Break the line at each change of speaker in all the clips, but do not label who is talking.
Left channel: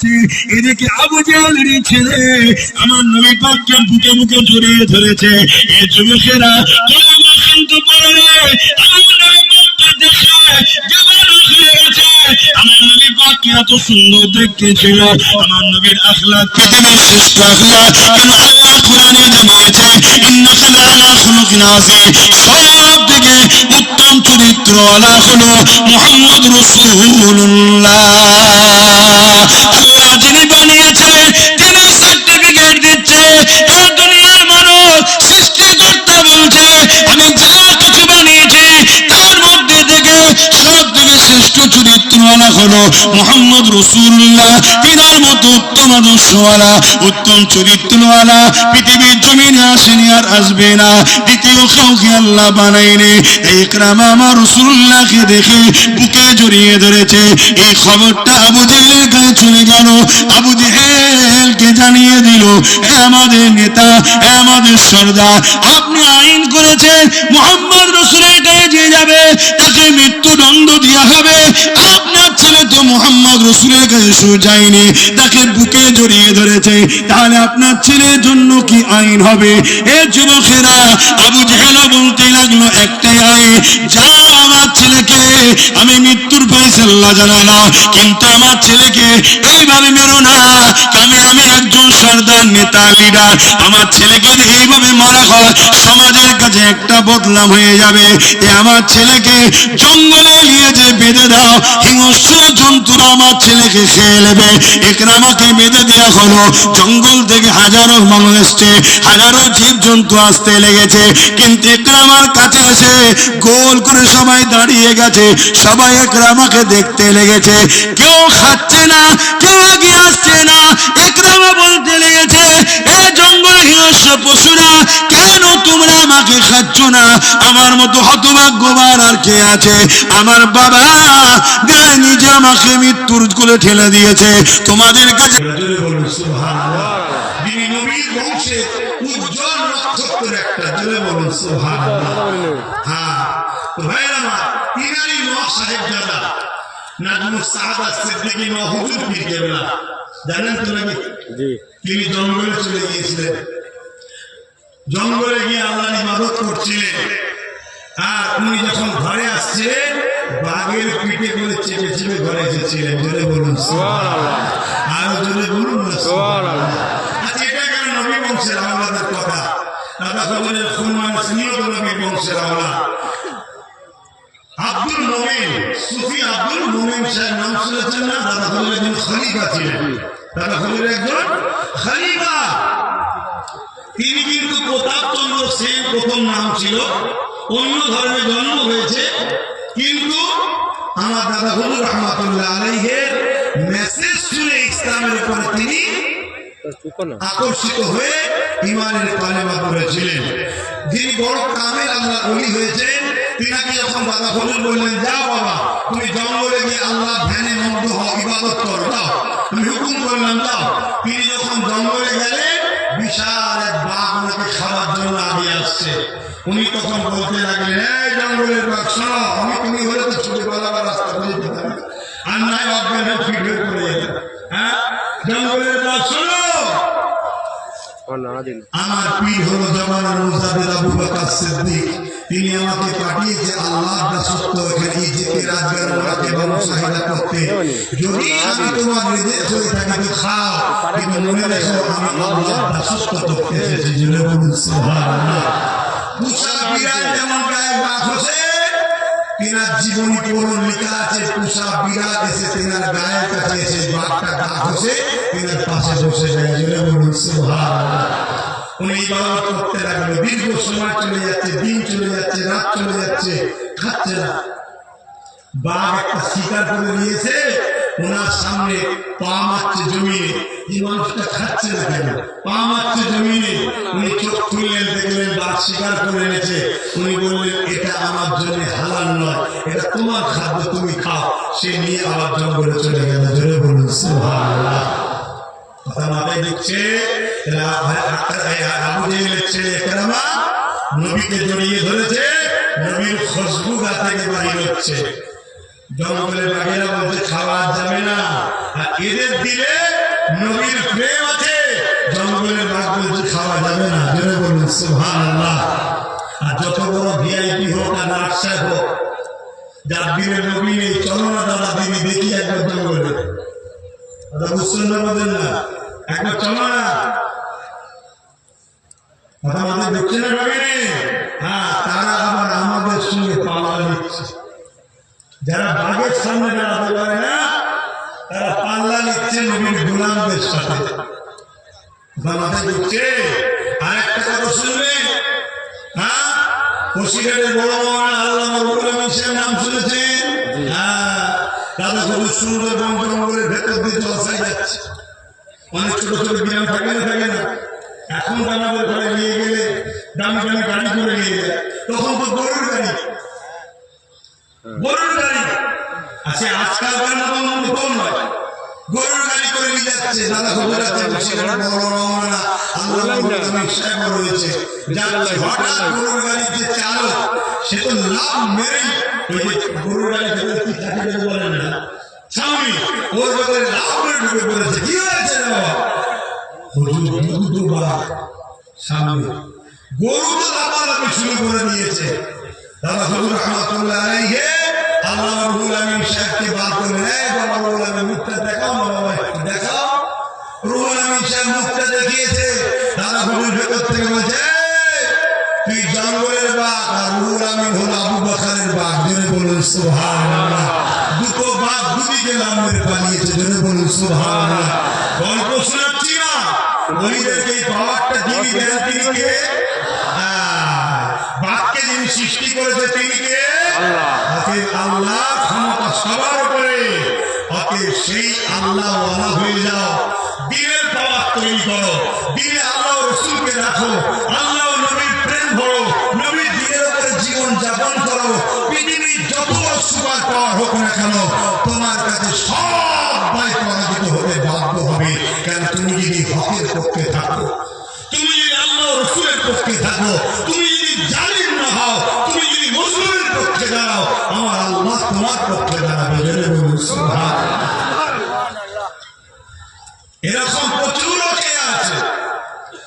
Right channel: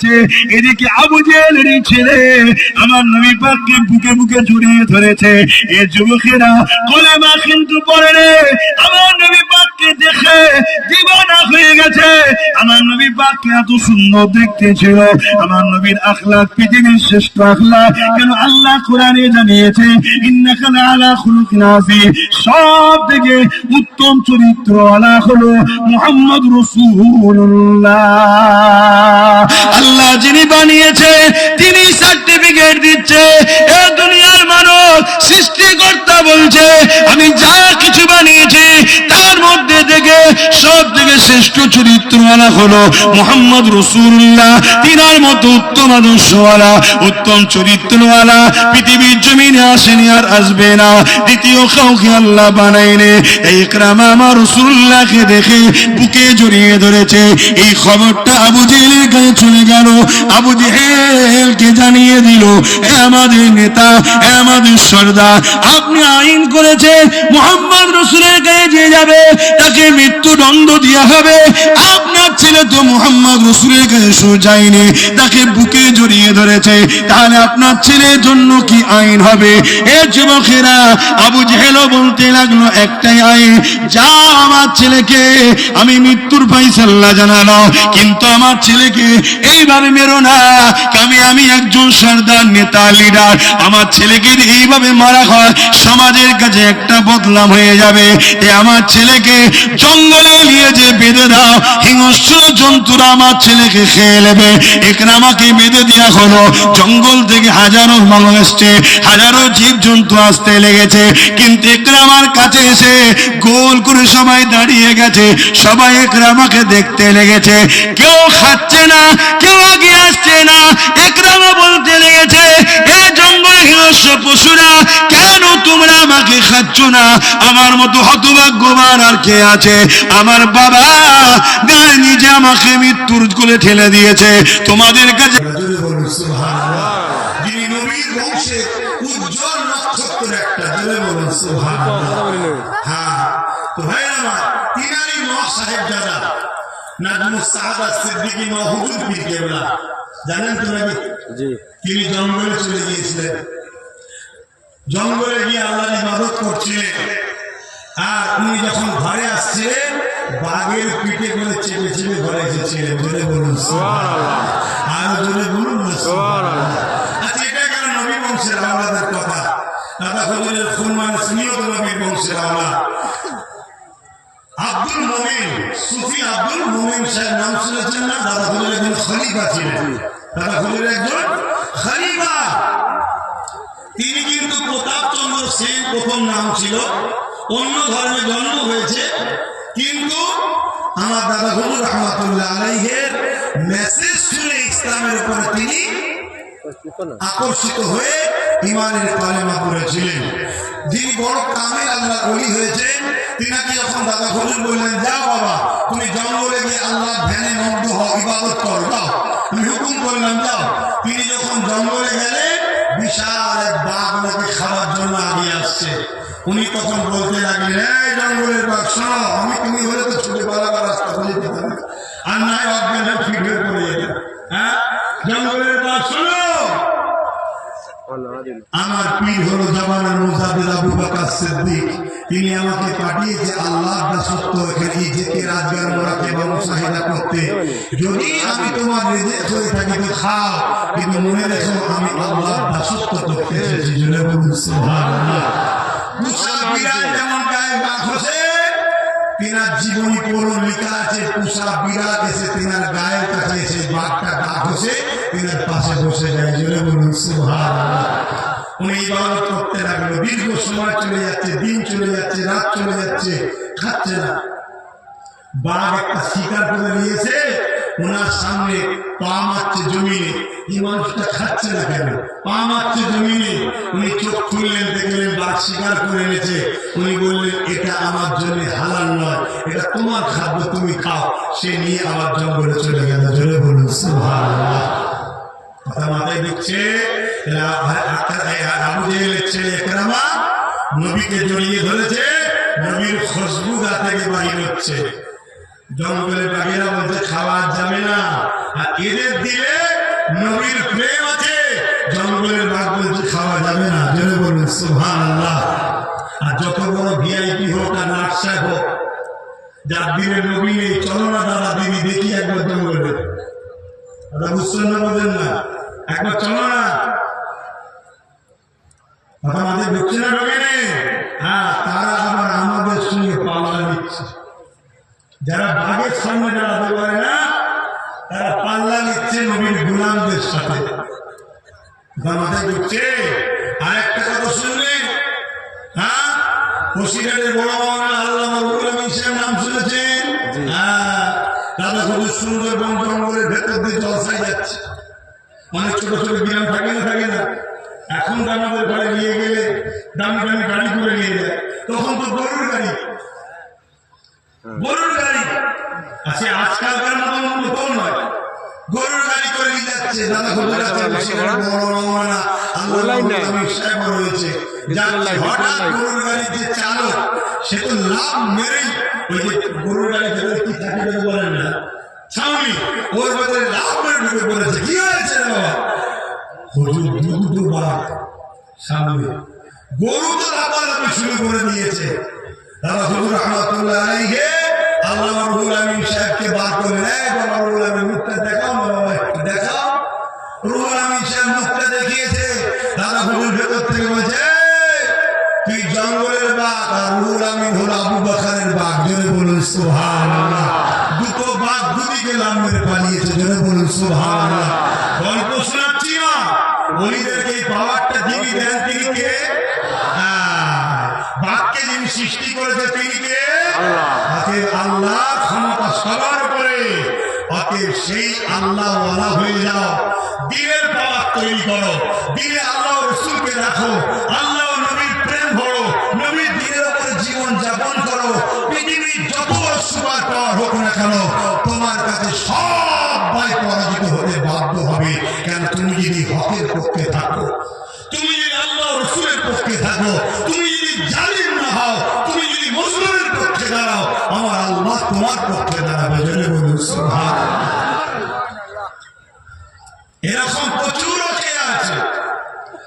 করেছে। এদিকে আবু জেলেরই ছেলে, আমার নবী পাককে বুকে বুকে জড়িয়ে ধরেছে। এ যুবকেরা কলেমা কিন্তু পড়ে আমার নবী দেখে দিবানা হয়ে গেছে। আমার এত সুন্দর দেখতে ছিল। আমার নবীর পৃথিবীর শ্রেষ্ঠ কেন আল্লাহ কোরআনে জানিয়েছে সব থেকে উত্তম চরিত্র আলা হলো মুহাম্মদ রাসূলুল্লাহ। আল্লাহ যিনি বানিয়েছে, তিনি সার্টিফিকেট দিচ্ছে। এ দুনিয়ার মানব সৃষ্টিকর্তা বলছে, আমি যা সব শ্রেষ্ঠ চরিত্রওয়ালা হলো মোহাম্মদ রসুল্লাহ। তিনার মতো উত্তম আদর্শওয়ালা উত্তম চরিত্রওয়ালা পৃথিবীর জমিনে আসেনি আর আসবে না। দ্বিতীয় কাউকে আল্লাহ বানাইনি এই ক্রামা আমার রসুল্লাহকে দেখে বুকে জড়িয়ে ধরেছে। এই খবরটা আবু জেহেলের কাছে চলে গেল। আবু জেহেলকে জানিয়ে দিল আমাদের নেতা আমাদের সর্দার, আপনি আইন করেছেন, মোহাম্মদ রসুলের কাছে যে যাবে, তাকে মৃত্যুদণ্ড দেওয়া হবে। আপনার ছেলে তো মোহাম্মদ রসুলের কাছে সু যায়নি, তাকে বুকে জড়িয়ে ধরেছে। তাহলে আপনার ছেলের জন্য কি আইন হবে? এ যুবকেরা, আবু জেহেলও বলতে লাগল একটাই আইন যা আমার ছেলেকে, আমি মৃত্যুর পাইসাল্লা জানালাম, কিন্তু আমার ছেলেকে এইভাবে মেরো না আমি আমি একজন সর্দার নেতা লিডার। আমার ছেলেকে এইভাবে মারা হয়, সমাজের কাছে একটা বদলাম হয়ে যাবে। আমার ছেলেকে জঙ্গলে নিয়ে যে বেঁধে দাও। হিংস্র জন্তুরা আমার ছেলেকে খেয়ে নেবে। এখানে আমাকে বেঁধে দেওয়া হলো। জঙ্গল থেকে হাজারো মানুষ এসছে। হাজারো জীব জন্তু আসতে লেগেছে। কিন্তু একরা আমার কাছে এসে গোল করে সবাই দাঁড়িয়ে গেছে। সবাই একরা আমাকে দেখতে লেগেছে। কেউ খাচ্ছে না, কেউ আগে আসছে না। একরামা বলতে লেগেছে, এ জঙ্গল হিংস্র পশুরা, কেন তোমরা আমাকে খাচ্ছ না? আমার মতো হতভাগ্যবান আর কে আছে? আমার বাবা গায়ে নিজে আমাকে মৃত্যুর কোলে ঠেলে দিয়েছে। তোমাদের কাছে
জোরে বলুন সুবহানাল্লাহ। যিনি নবীর বংশে উজ্জ্বল নক্ষত্র একটা জোরে বলুন সুবহানাল্লাহ। হ্যাঁ তো ভাই আমার তিনারি নখ সাহেব দাদা নাজমুস সাহাদা সিদ্দিকী ন পীর কেবলা জানেন তো নাকি? তিনি জঙ্গলে চলে গিয়েছিলেন। জঙ্গলে গিয়ে আল্লাহ ইবাদত করছিলেন। আর উনি যখন ঘরে আসছিলেন বাঘের পিঠে করে চেপে চেপে ঘরে এসেছিলেন জোরে বলুন। আরও জোরে বলুন। আচ্ছা এটা কেন নবী বংশের আমলাদের কথা? দাদা হজরের খুন মানে স্নেহত নবী বংশের আমলা আব্দুল মোমিন সুফি আব্দুল মোমিন সাহেব নাম শুনেছেন না? দাদা হজরের একজন খলিফা ছিলেন। দাদা হজরের একজন খলিফা। তিনি কিন্তু প্রতাপ চন্দ্র সেন প্রথম নাম ছিল। অন্য ধর্মে জন্ম হয়েছে। কিন্তু আমার দাদা হজুর রহমাতুল্লাহ আলাইহের মেসেজ শুনে ইসলামের উপরে তিনি আকর্ষিত হয়ে ইমানের কালেমা করেছিলেন যিনি বড় কামে আল্লাহ অলি হয়েছেন, তিনাকে যখন দাদা হজুর বললেন, যাও বাবা, তুমি জঙ্গলে গিয়ে আল্লাহ ধ্যানে মগ্ন হও, ইবাদত করো, যাও। আমি হুকুম করলাম, যাও। তিনি যখন জঙ্গলে গেলেন, বিশাল এক বাঘ ওনাকে খাওয়ার জন্য আগিয়ে আসছে। উনি তখন বলতে লাগলেন, এই জঙ্গলের শোনো, আমি তুমি হলে তো ছুটে পালাবার রাস্তা খুঁজে পেতাম। আর নাই অজ্ঞান হয়ে ফিট হয়ে পড়ে যেতাম হ্যাঁ? জঙ্গলের শোনো! আমার পীর হলো জমানার মুজাবিদ আবু বকর সিদ্দিক। তিনি আমাকে পাঠিয়েছে আল্লাহ দাসত্ব এখানে যেতে রাজগার বাবু সাহিদা করতে। যদি আমি তোমার হয়ে থাকি তো খাও, কিন্তু মনে রেখো আমি আল্লাহ দাসত্ব করতে এসেছি। সুবহানাল্লাহ। বিরাট যেমন গায়ে তিনার জীবনী লেখা আছে পুষা বিরাট এসে তিনার গায়ের কাছে এসে বাঘটা ডাক হচ্ছে তিনার পাশে বসে যায় জুড়ে বলুন উনি ইবাদত করতে লাগল দীর্ঘ সময় চলে যাচ্ছে দিন চলে যাচ্ছে রাত চলে যাচ্ছে খাচ্ছে না। বাঘ একটা শিকার করে নিয়েছে ওনার সামনে পা মারছে জমিনে এই মানুষটা খাচ্ছে না কেন? পা মারছে জমিনে উনি চোখ খুললেন, দেখলেন বাঘ শিকার করে এনেছে। উনি বললেন, এটা আমার জন্য হালাল নয়, এটা তোমার খাদ্য, তুমি খাও। সে নিয়ে আবার জঙ্গলে চলে গেল। জোরে বলুন কথা মাথায় আবু জেহেলের ছেলে একরামা নবীকে জড়িয়ে ধরেছে, নবীর খুশবু গা থেকে বাহির হচ্ছে। জঙ্গলে বাঘেরা বলছে খাওয়া যাবে না। আর এদের দিলে নবীর প্রেম আছে। জঙ্গলের বাঘ বলছে, খাওয়া যাবে না। জেনে বলুন সুহান আল্লাহ আর যত বড় ভিআইপি হোক আর সাহেব হোক, যার দিলে নবী নেই, চলো না দাদা দিদি দেখি একবার জঙ্গলে। দাদা বুঝছেন না বোঝেন না। একবার চলো না। আমাদের না নবী নেই? হ্যাঁ তারা আবার আমাদের সঙ্গে পাল্লা নিচ্ছে যারা বাঘের সামনে দাঁড়াতে পারে না তারা পাল্লা নিচ্ছে নবীর গোলামদের সাথে। মাথায় ঢুকছে আরেকটা কথা শুনবে হ্যাঁ? বসিরহাটের বড় মহান আল্লাহ আমিন সাহেব নাম শুনেছেন? হ্যাঁ। দাদা খুব সুন্দর বন জঙ্গলের ভেতর দিয়ে জলসায় যাচ্ছে। অনেক ছোট ছোট গ্রাম থাকে না থাকে না। এখন তো আমাদের ঘরে নিয়ে গেলে দামি দামি গাড়ি করে নিয়ে যায়। তখন তো গরুর গাড়ি। গরুর গাড়ি। আচ্ছা আজকালকার মতন মতো নয় গরুর গাড়ি করে নিয়ে যাচ্ছে। দাদা খুব বড় মামলা আল্লাহ আমি সাহেব রয়েছে হঠাৎ গরুর গাড়ির যে চালক সে তো লাভ মেরেই ওই যে গরুর গাড়ি বলে বলেন না। স্বামী ওর লাভ মেরে ঢুকে পড়েছে কি হয়েছে রে হুজুর দুধ দুবার সামনে গরু তো লাফালাফি শুরু করে দিয়েছে। দাদা হুজুর মুখটা দেখিয়েছে দাদা হুজুর ভেতর তুই জঙ্গলের বাঘ, আর রুহুল আমিন হলো আবু বাকারের বাঘ। জোরে বলুন, সুবহানাল্লাহ। দুটো বাঘ দুদিকে নাম মেরে পালিয়েছে, জোরে বলুন, সুবহানাল্লাহ। গল্প শোনাচ্ছি না। বলিদেরকে এই পাওয়ারটা যিনি দেন তিনি হ্যাঁ, যিনি সৃষ্টি করেছে তিনি কে?
আল্লাহ।
অতএব আল্লাহ ক্ষমতা সবার উপরে। অতএব সেই আল্লাহ ওয়ালা হয়ে যাও। দিনের পাওয়ার তৈরি করো। দিনে আল্লাহ রসুলকে রাখো। আল্লাহ নবীর প্রেম ভরো। নবীর দিনের উপরে জীবন যাপন করো। পৃথিবীর যত সুপার পাওয়ার হোক না কেন তোমার কাছে সব ভয় পরাজিত হতে বাধ্য হবে। কারণ তুমি যদি হকের পক্ষে থাকো তুমি যদি আল্লাহ রসুলের পক্ষে থাকো তুমি জালিম না হও তুমি যদি মুসলিমের পক্ষে দাঁড়াও আমার আল্লাহ তোমার পক্ষে দাঁড়াবে। এরকম প্রচুর আছে।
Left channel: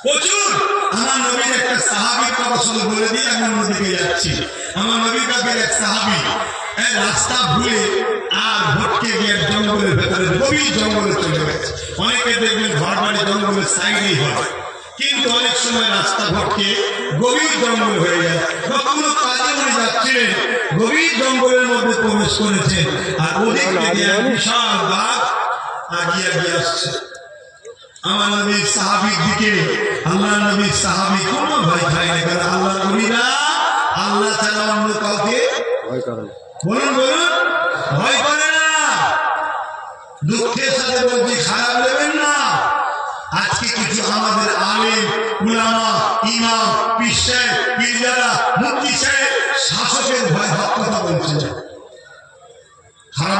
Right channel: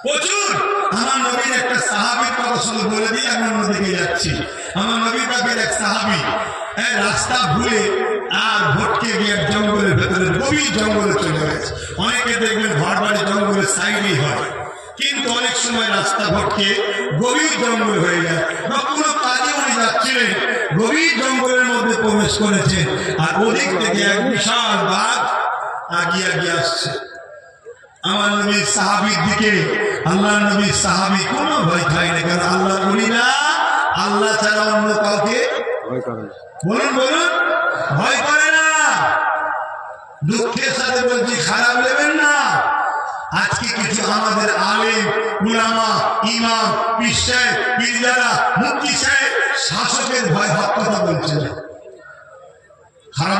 প্রচুর। আমার নবীর একটা সাহাবির কথা শুধু বলে দিয়ে আমি অন্যদিকে যাচ্ছি। আমার নবীর কাছের এক সাহাবি রাস্তা ভুলে আর ভটকে গিয়ে জঙ্গলের ভেতরে গভীর জঙ্গলে চলে গেছে অনেকে দেখবেন ঘর বাড়ি জঙ্গলের সাইডেই হয়। কিন্তু অনেক সময় রাস্তা ভটকে গভীর জঙ্গল হয়ে যায়। বা কোনো কাজে উনি যাচ্ছিলেন গভীর জঙ্গলের মধ্যে প্রবেশ করেছেন আর ওদিক থেকে এক বিশাল বাঘ আগিয়ে আগিয়ে আসছে। আমার নবীর সাহাবির দিকে আল্লাহ নবীর সাহাবি কোনো ভয় খায় না কারণ আল্লাহ বলি না আল্লাহ ছাড়া অন্য কাউকে
ভয়
বলুন বলুন ভয় করে না। দুঃখের সাথে বলছি খারাপ নেবেন না। আজকে কিছু আমাদের আলেম, উলামা, ইমাম পিসাই পীরজারা মুক্তি সাহেব, শাসকের ভয় ভাব কথা বলছে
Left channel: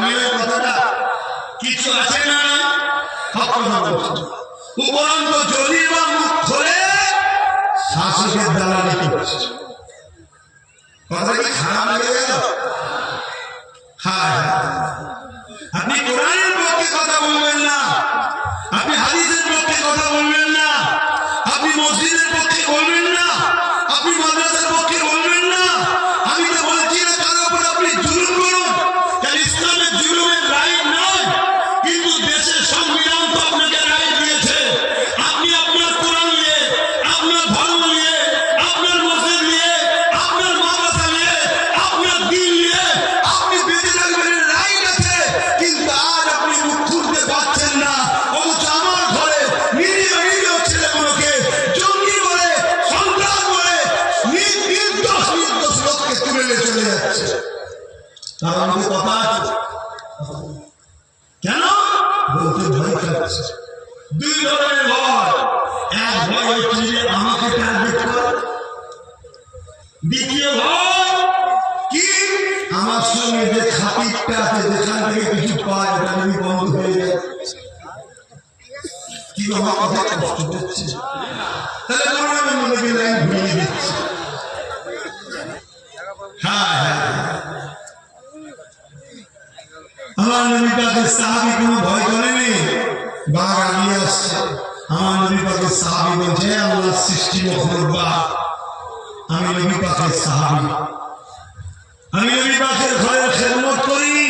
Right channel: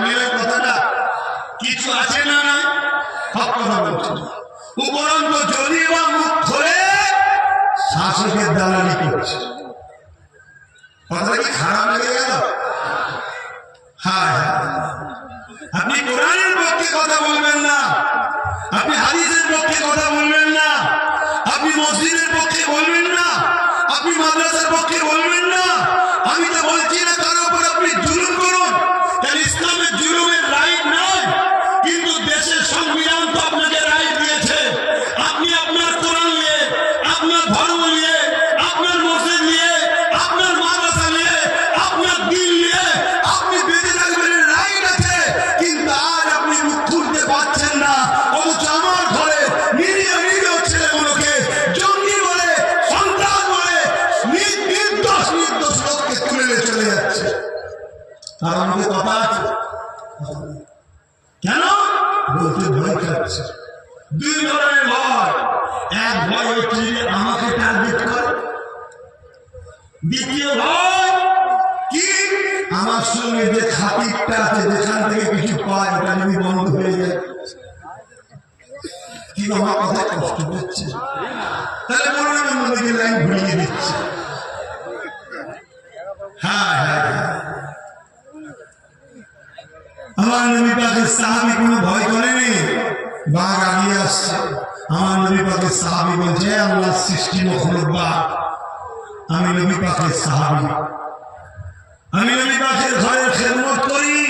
নেবেন কথাটা কিছু আছে না না হক কথা বলছে উপরন্ত যদি বা মুখ খোলে, শাসকের দালালি করছে কথাটা কি খারাপ লেগে গেল? হ্যাঁ হ্যাঁ। আপনি কোরআনের পক্ষে কথা বলবেন না। আপনি হাদিসের পক্ষে কথা বলবেন না। আপনি মসজিদের পক্ষে বলবেন না। আপনি মাদ্রাসার পক্ষে বলবেন না। আমি তো বলছি না তার উপর আপনি জুলুম করুন। তার ইসলামের দুই ধরনের ভয় এক ভয় হচ্ছে যে আমাকে টার্গেট করে। দ্বিতীয় ভয়, কি? আমার সঙ্গে যে খাতিরটা আছে, যেখান থেকে কিছু পায়, ওটা যদি বন্ধ হয়ে যায়। কি আমার কথা কষ্ট হচ্ছে তাহলে মনে মনে লাইন ঘুরিয়ে দিচ্ছে। হ্যাঁ হ্যাঁ হ্যাঁ। আমার নবী পাকের সাহাবি কোনো ভয় করেনি বাঘ আগিয়ে আসছে। আমার নবী পাকের সাহাবি বলছে, "হে আল্লাহ, সৃষ্টি মখলুক আমি নবী পাকের সাহাবি। আমি নবী পাকের ঘরের খেদমত করি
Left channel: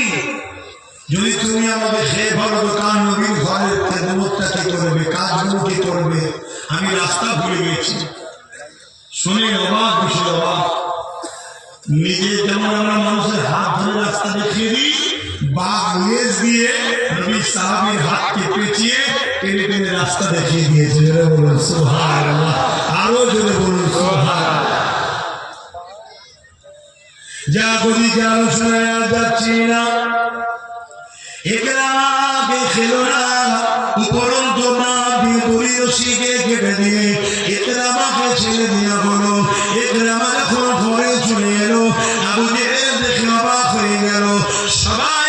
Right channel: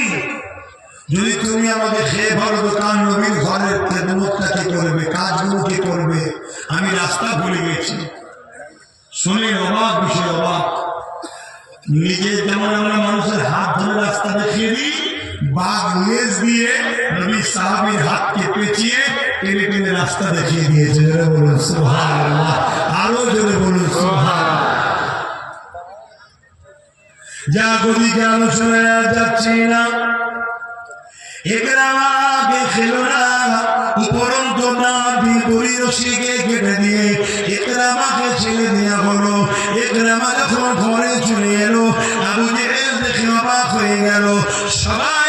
যদি তুমি আমাকে খেয়ে ভালো দোকান নবীর ঘরের খেদমতটা কে করবে কাজগুলো কে করবে, আমি রাস্তা ভুলে গেছি। শুনে অবাক বিষয় অবাক। নিজে যেমন আমরা মানুষের হাত ধরে রাস্তা দেখিয়ে দিই বাঘ লেজ দিয়ে নবী সাহাবির হাতকে পেঁচিয়ে টেনে টেনে রাস্তা দেখিয়ে দিয়েছে। জোরে বলুন সুহান আরও জোরে বলুন সুহান যা কবি যে আলোচনায় যাচ্ছি না। একরামাকে খেলো না। উপরন্ত না দিয়ে দলীয় কেটে দিয়ে একরামাকে ছেড়ে দেওয়া হলো। একরামা যখন ঘরে চলে এলো, আবু দেখে অবাক হয়ে গেল। সবাই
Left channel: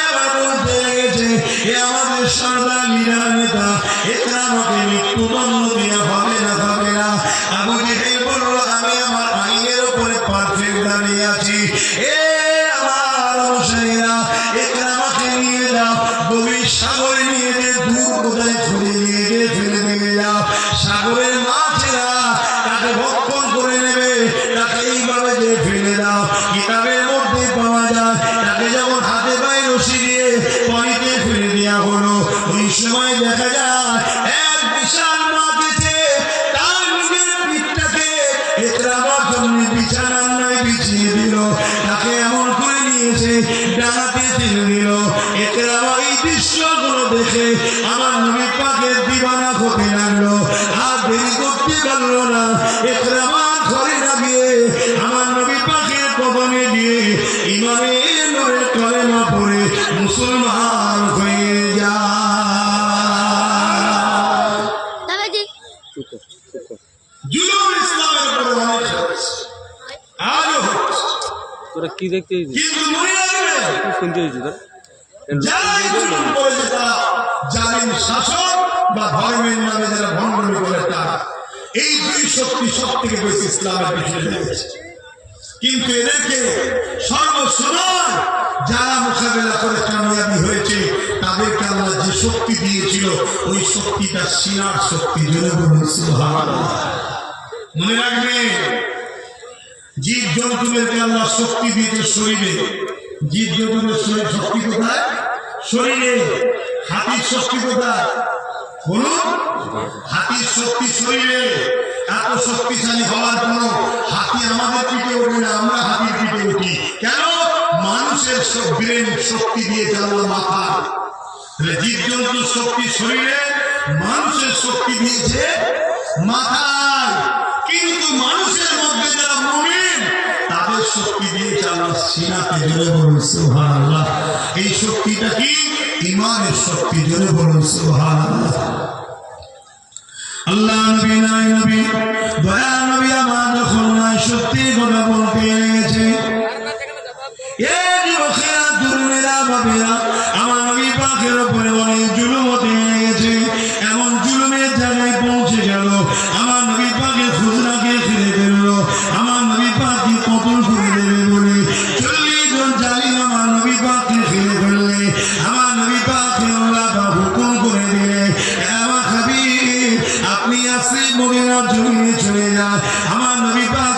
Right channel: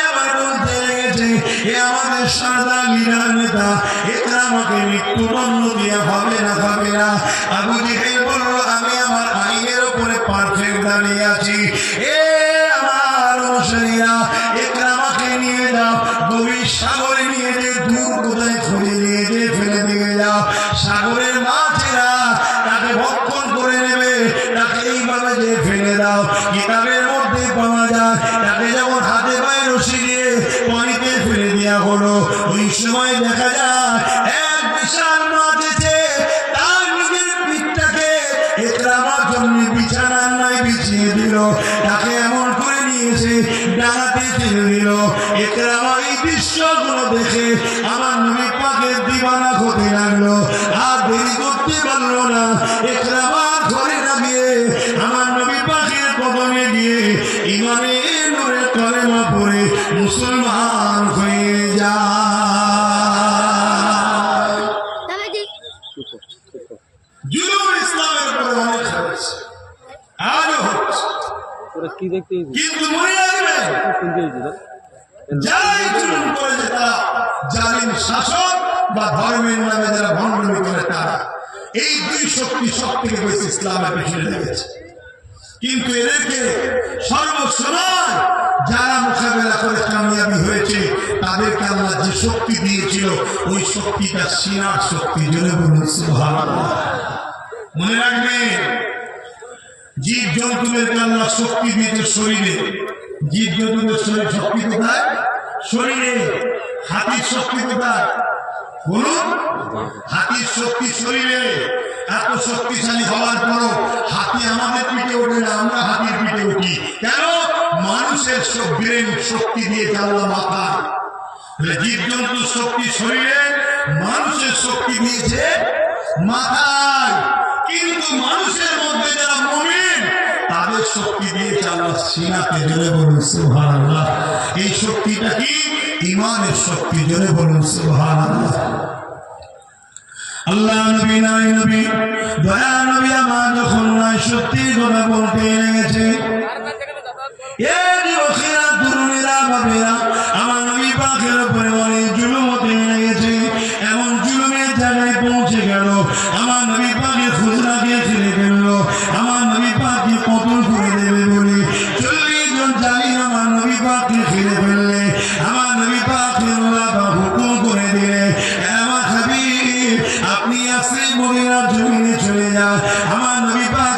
এ আমাদের সর্দার লিডার নেতা একরামাকে মৃত্যুদণ্ড দেওয়া হবে না হবে না। আবু জেহেল বলল, আমি আমার আইনের উপরে পারফেক্ট দাঁড়িয়ে আছি। এ আমার অনুসারীরা একরামাকে নিয়ে যাও, গভীর সাগরে নিয়ে যে দূর কোথায় খুঁড়ে নিয়ে যে ফেলে দিয়ে যাও। সাগরের মাছেরা তাকে ভক্ষণ করে নেবে, তাকে এইভাবে যে ফেলে দাও। কিতাবের মধ্যে পাওয়া যায়, তাকে যখন হাতে পায়ে রশি দিয়ে দেওয়া হলো। ওই সময় দেখা যায়, এক বিশাল মাছ এসে তার নিজের পিঠটাকে একরামার জন্য বিছানার নয়, বিছিয়ে দিল। তাকে এমন করে নিয়েছে, ডানাতে ছেড়ে দিল। একরামা এই দৃশ্যগুলো দেখে আমার নবী পাকের দিবানা হতে লাগল। আর দেরি করতে পারল না। একরামা ঘরে না মুসলমান হয়ে যায়। জুলুম ইসলামের উপরে অনেক হচ্ছে আজও হচ্ছে।
তোরা কি দেখতে?
কিন্তু মনে রাখবে
শুনতে এসেছিস তোরা?
যারা জুলুম করেছে তারা জালিম শাসক বা ধর্মের নামে যারা ভণ্ডমি করে তারা। এই দুই শক্তি সব থেকে বেশি ইসলামের পিছনে লেগেছে। কিন্তু এদেরকে সর্বসময় যারা মোকাবেলা করে কামিয়াবি হয়েছে তাদেরকে আল্লাহ যে শক্তি দিয়েছিল, ওই শক্তিটা সিনার শক্তি জোরে মনে রাখবে জীব জন্তুদেরকে আল্লাহ শক্তি দিয়েছে শরীরে। জীব জন্তুদের শরীর শক্তি কোথায়? শরীরে। হাতির শক্তি কোথায়? বলুন, হাতির শক্তি শরীরে। এত শক্তিশালী হওয়ার পরও হাতি আমাদের পিঠে ওঠে না, আমরা হাতির পিঠে উঠি। কেন? মানুষের সব ব্রেন শক্তি দিয়ে আল্লাহ মাথায় তাহলে জীবজন্তুর শক্তি শরীরে মানুষের শক্তি দিয়েছে মাথায়। কিন্তু মানুষের মধ্যে যারা মমিন, তাদের শক্তি দিয়েছে আল্লাহ সিনাতে জোরে বলুন, সুবহানাল্লাহ। এই শক্তিটা কি? ইমানের শক্তি জোরে বলুন, সুবহানাল্লাহ। আল্লাহ নবী, নাই নবী, দয়া নবী আমার যখন নাই সত্যি কথা বলতে লেগেছে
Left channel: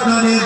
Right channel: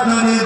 নবী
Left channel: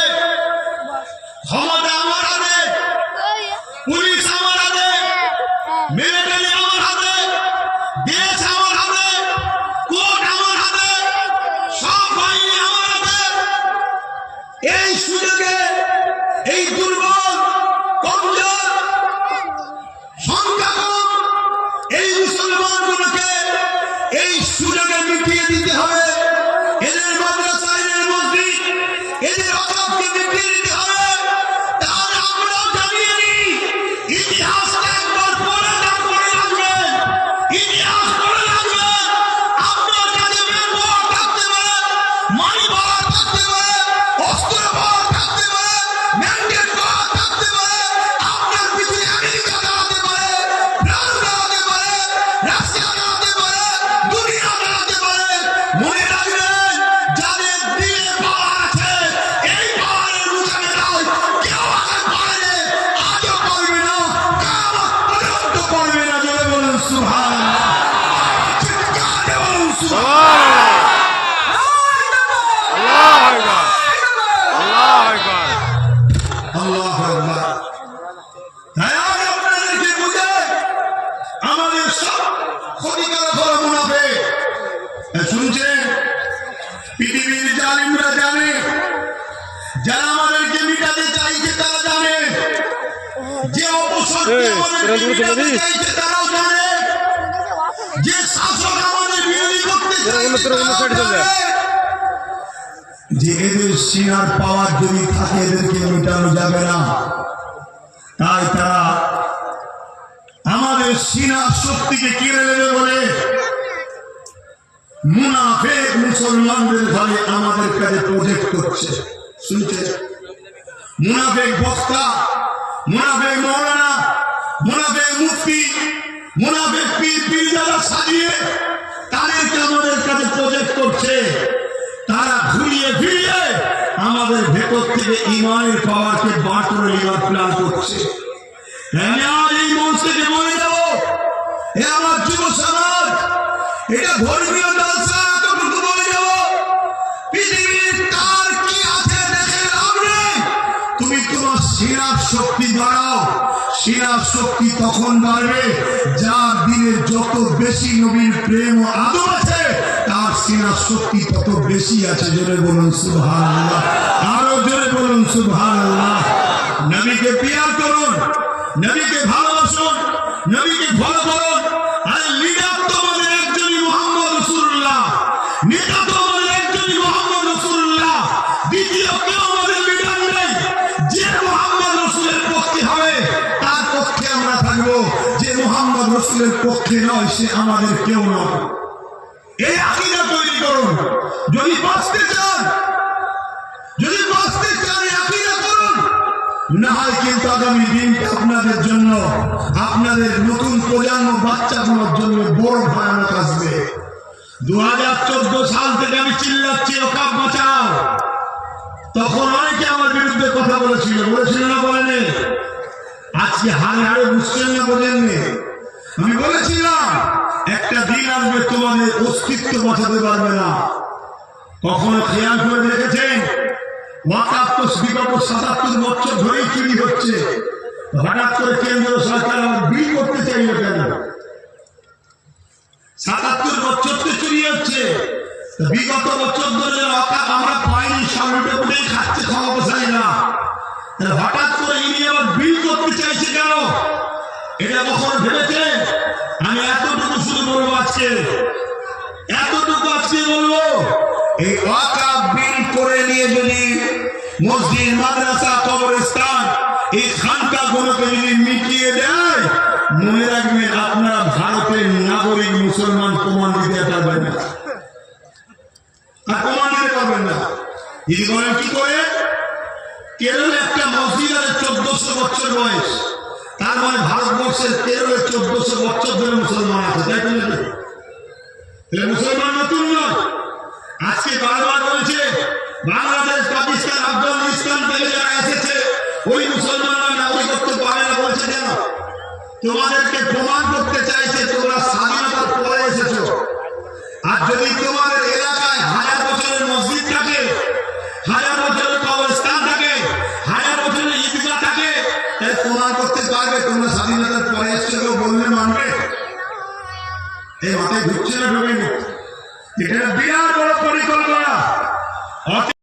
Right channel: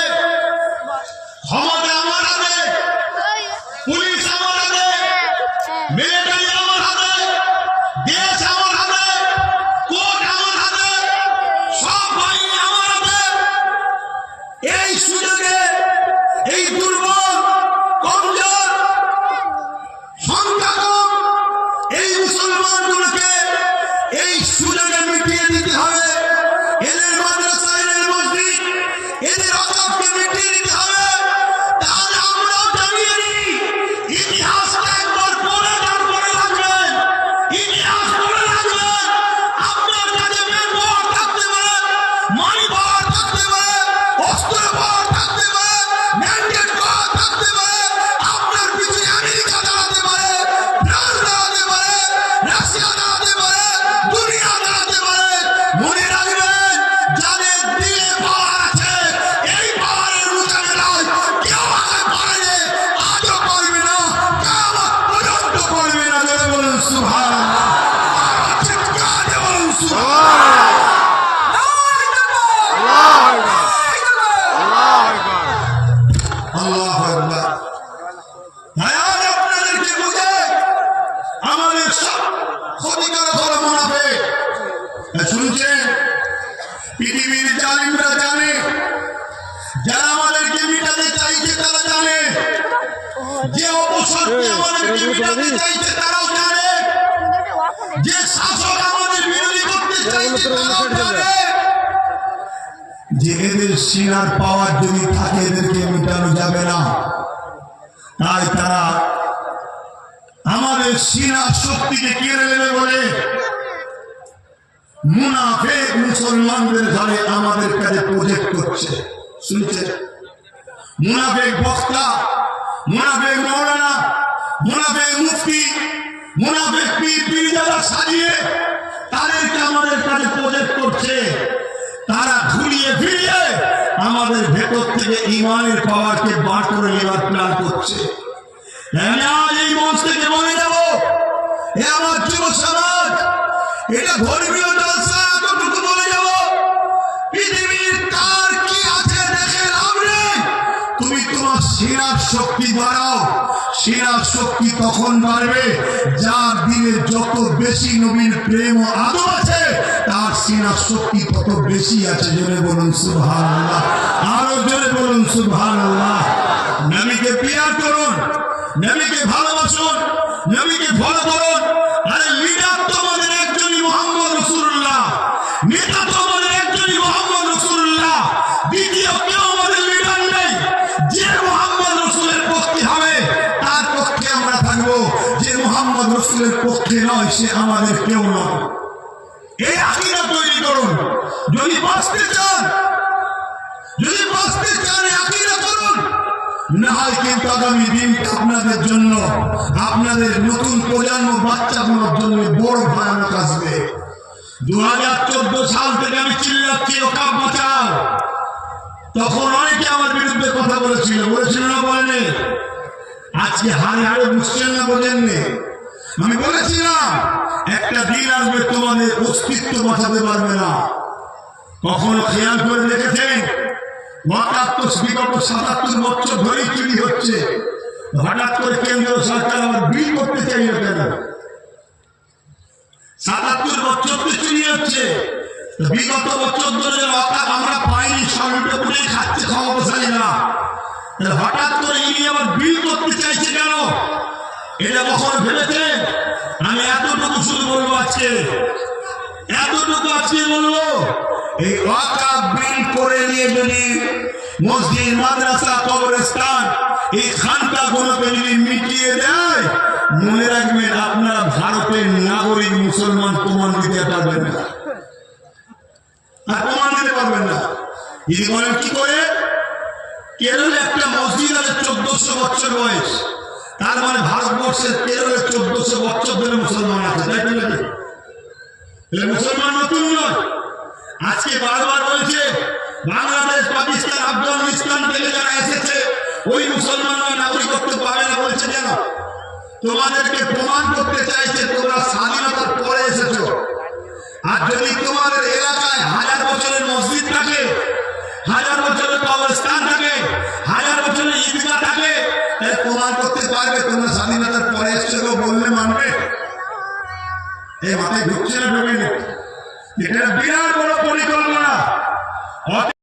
এই সুযোগে এই দুর্বল কমজোর পৃথিবীর জালিমরা জানে। যারা আমাদেরকে মিটাতে চাইছে তারা জানে। যে আমাদেরকে মিটাতে চাইছে তারাও জানে। যে শাসক আমাদের বিরোধী করতে চাইছে তারাও। জানে। যে এদের সিনার পাওয়ার যদি থাকে এদেরকে মেটানো যাবে না। তাই তারা আমাদের সিনার শক্তিকে কেড়ে নেবে বলে মুনাফেক মুসলমানদের ঘরে আমাদের কাছে প্রজেক্ট করছে। শুনছে মুনাফেক বক্তা, মুনাফেক মৌলানা, মুনাফেক মুফতি, মুনাফেক পীর যারা সাজিয়ে তাদেরকে আমাদের কাছে প্রজেক্ট করছে। তারা ঘুরিয়ে ফিরিয়ে আমাদের ভেতর থেকে ইমানের পাওয়ারকে বার করে নেওয়ার প্ল্যান করছে। আমি আজ এই মঞ্চ থেকে বলে যাব এ আমার যুব সমাজ এটা ধর্মীয় জলসা এতটুকু বলে যাব। পৃথিবীর তার কি আছে দেখে লাভ তুমি তোমার সিনার শক্তি বাড়াও। সিনার শক্তি তখন বাড়বে। যার দিনে যত বেশি নবীর প্রেম ও আদর আছে, তার সিনার শক্তি তত বেশি আছে। জোরে বলুন সুবহান আল্লাহ আরও জোরে বলুন সুবহান আল্লাহ নবীকে পিয়ার করুন, নবীকে ভালোবাসুন, নবীকে ফলো করুন। রসুল্লাহ মোহাম্মদ কেউ আমাদের যে রসুলের পক্ষে হবে, তার পক্ষে আমরা থাকব। যে মোহাম্মদ রসুলের পক্ষে নয়, সে আমাদের কেউ নয়। এই তৈরি করুন। যদি বাঁচতে চান, যদি না হয় কিন্তু আগামী দিনটা আপনাদের জন্য, আপনাদের নতুন প্রজন্ম বাচ্চাগুলোর জন্য বড় ভয়ানক আসবে। দু হাজার চোদ্দ সাল থেকে আমি চিল্লাচ্ছি ওকাপ বাঁচাও। তখন অনেকে আমার বিরুদ্ধে কথা বলেছিল বলেছিল না বলেনি আজকে হারে হারে বুঝছেন না বলেননি আমি বলেছিলাম, একটা দিন আসবে তোমাদের অস্তিত্ব বাঁচাতে পারবে না। কখনো খেয়াল করে দেখেছেন? তো বিগত সাতাত্তর বছর ধরেই চুরি হচ্ছে। হঠাৎ করে কেন্দ্রীয় সরকার আবার বিল করতে চাইলে কেন? সাতাত্তর বছর তো চুরি হচ্ছে বিগত বছর ধরে ওয়াকাপ আমরা পাইনি সব লুটে পুটে খাচ্ছে ক্ষমতাশালী না। হঠাৎ করে ইনি আবার বিল করতে চাইছে কেন? এটা কখনো ভেবেছে আমি এতটুকু শুধু বলব আজকে। এতটুকু আজকে বলব এই বিল করে নিয়ে যদি মসজিদ, মাদ্রাসা, কবরস্থান এই খানকা গুলোকে যদি মিটিয়ে দেয়, মনে রাখবেন আপনারা ভারতের নাগরিক মুসলমান প্রমাণ দিতে পারবেন না। আর প্রমাণ দিতে পারবেন না। যদি বলেন কি করে? কেরলে একটা মসজিদ আছে চোদ্দশো বছর বয়স। তার মানে ভারতবর্ষের কেরলে চোদ্দশো বছর ধরে মুসলমান আছে। তাই? তাহলে মুসলমান নতুন নয়। আজকে বারবার বলছে, বাংলাদেশ পাকিস্তান আফগানিস্তান থেকে যারা এসেছে, ওই মুসলমানরা নাগরিকত্ব পাবে না বলছে কেন? তোমাদেরকে প্রমাণ করতে চাইছে তোমরা স্বাধীনতার পরে এসেছ। আর যদি তোমাদের এলাকায় হাজার বছরের মসজিদ থাকে, হাজার বছরের কবরস্থান থাকে, হাজার বছরের ঈদগাহ থাকে তাই প্রমাণ করতে পারবে তোমরা স্বাধীনতার পরে এসছো বললে মানবে। এই মাথায় ঢুকছে না ঢোকেনি? এটা বিরাট বড় পরিকল্পনা।